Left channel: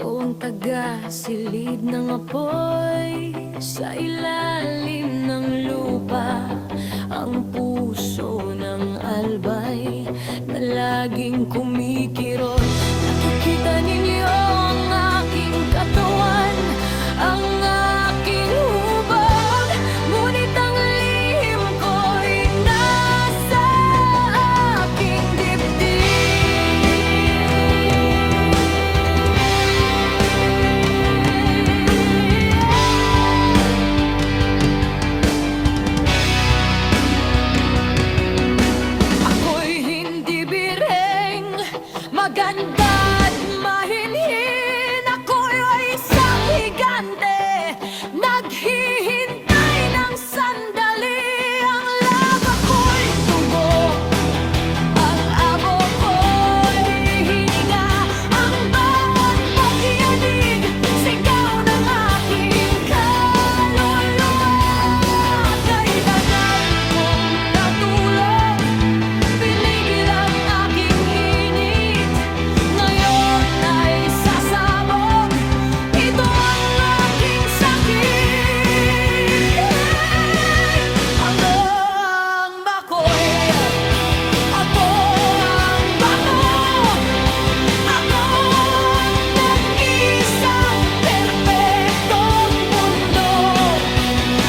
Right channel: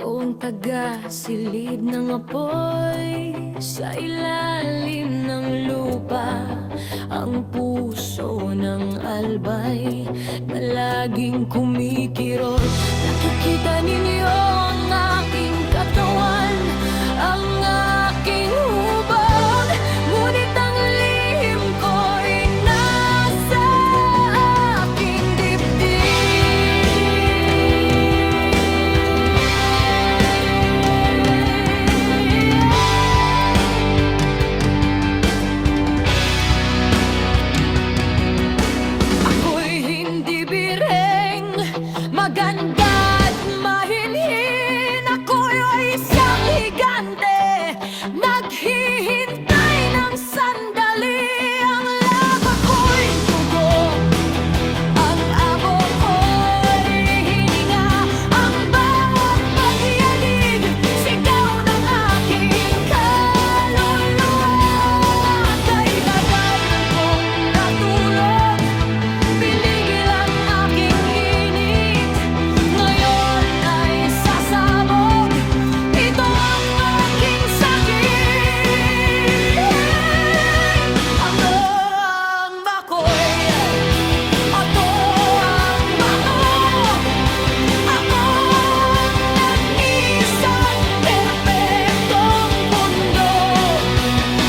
Ikaw ang taga-silid ng apoy sa ilalim ng lupa. Ang puso ng albay na laging kumikirot. Nakikita ninyo ang aking katawan, ang aking hubog. Ngunit ang lihim ko'y nasa aking dibdib. Ako'y hindi birheng, maganda at mahinhin. Ako'y isang higante, naghihintay ng sandali. Ang laba ko'y dugo, ang abo ko'y hininga. Ang bawat pagyanig, sigaw ng aking kaluluwa. Kay tagal kong natulog, pinigil ang aking init. Ngayon ay sasabog, ito ang aking sakit. Hanggang bako'y ato ang bato. Ako ang nag-isang perpektong mundo.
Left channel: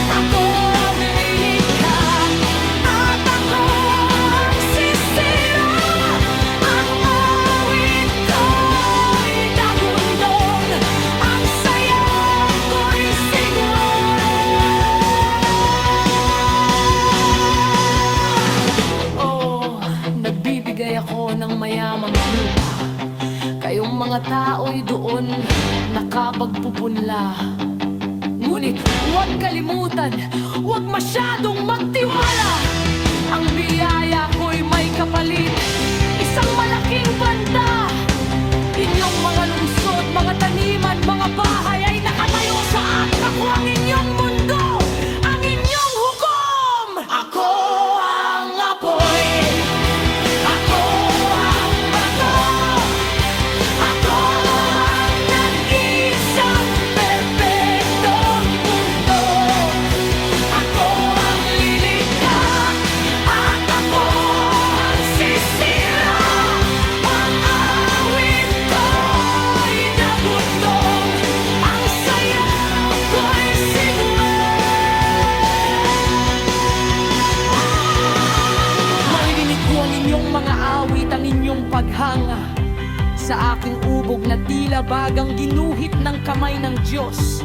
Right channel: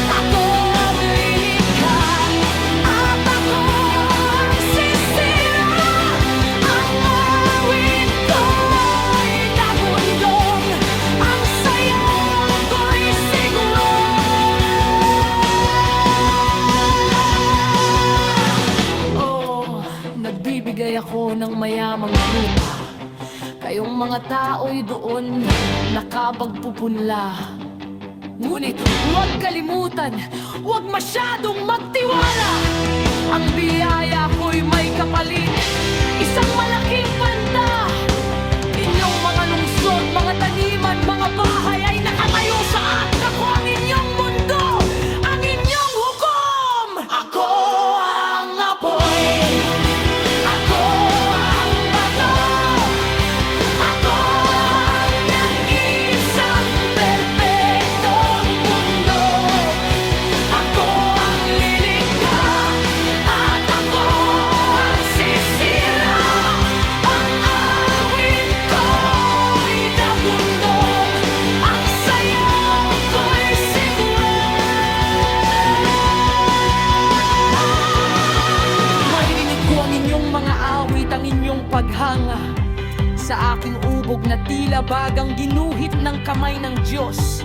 Ako ang lilikha at ako ang sisira. Ang awit ko'y dagundong, ang sayaw ko'y siguro. Oh, nagbibigay ako ng mayamang lupa. Kayong mga tao'y doon nakabagpupunla. Ngunit huwag kalimutan, huwag masyadong magtiwala. Ang biyaya ko'y may kapalit, isang malaking banta. Inyong mga lungsod, mga taniman, mga bahay ay nakatayo sa at ako ang inyong mundo, ang inyong hukom. Ako ang apoy, ako ang bato, ako ang nag-isang perpektong mundo. Ako ang lilikha at ako ang sisira. Ang awit ko'y dagundong, ang sayaw ko'y maririnig ko ang inyong mga awit, ang inyong paghanga sa aking ubog na tila bagang ginuhit ng kamay ng Diyos.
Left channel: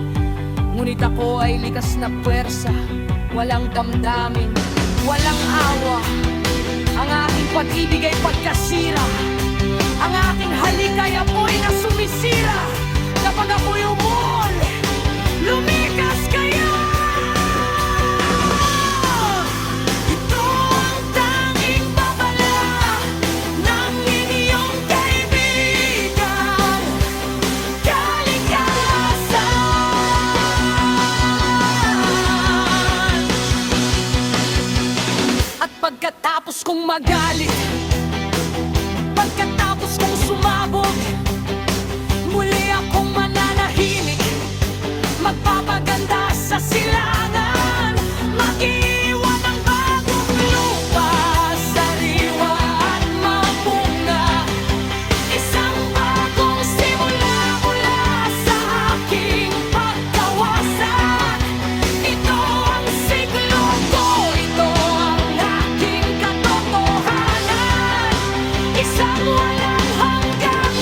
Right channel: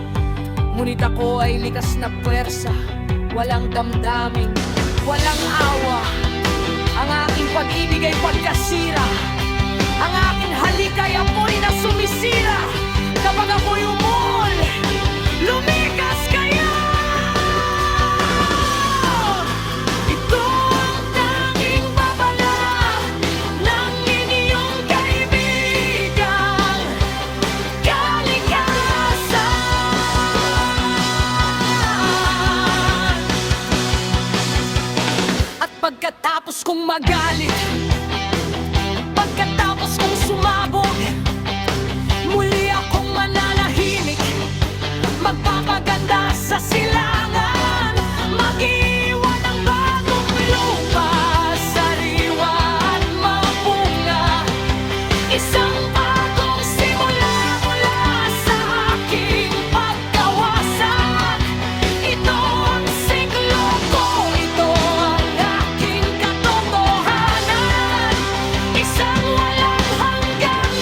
Ngunit ako ay likas na puwersa, walang damdamin, walang awa. Ang aking pag-ibig ay pagkasira, ang aking halik ay apoy na sumisira. Kapag ako'y umuol, lumikas kayo! Ito ang tanging babala ng inyong kaibigang kalikasan. At pagkatapos kong magalit, pagkatapos kong sumabog, muli akong mananahimik, magpapaganda sa silangan, mag-iwan ng bagong lupa, sariwa at mapunga. Isang bagong simula mula sa aking pagkawasak. Ito ang siglo ko, ito ang aking katotohanan. Isang walang hanggang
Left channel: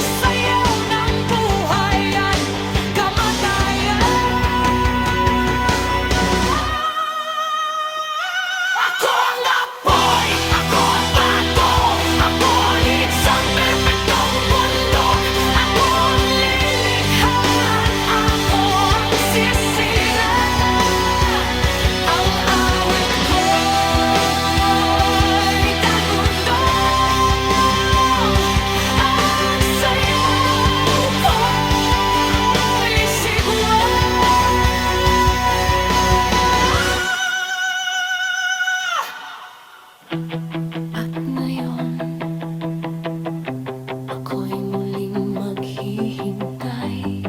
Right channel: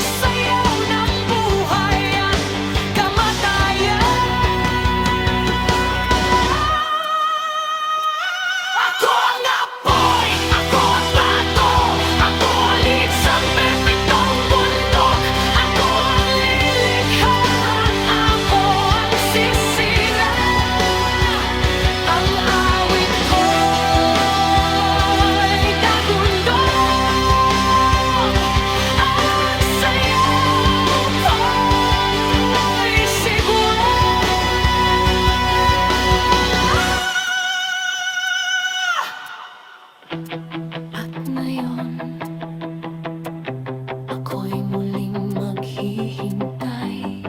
naghihintay,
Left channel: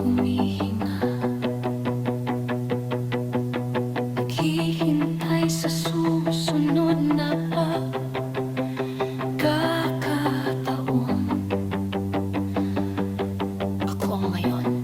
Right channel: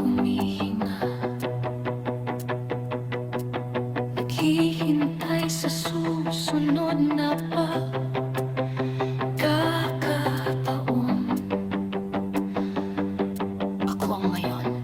humihinga, naghihintay sa susunod na pagkakataon. Ako ang ngayon.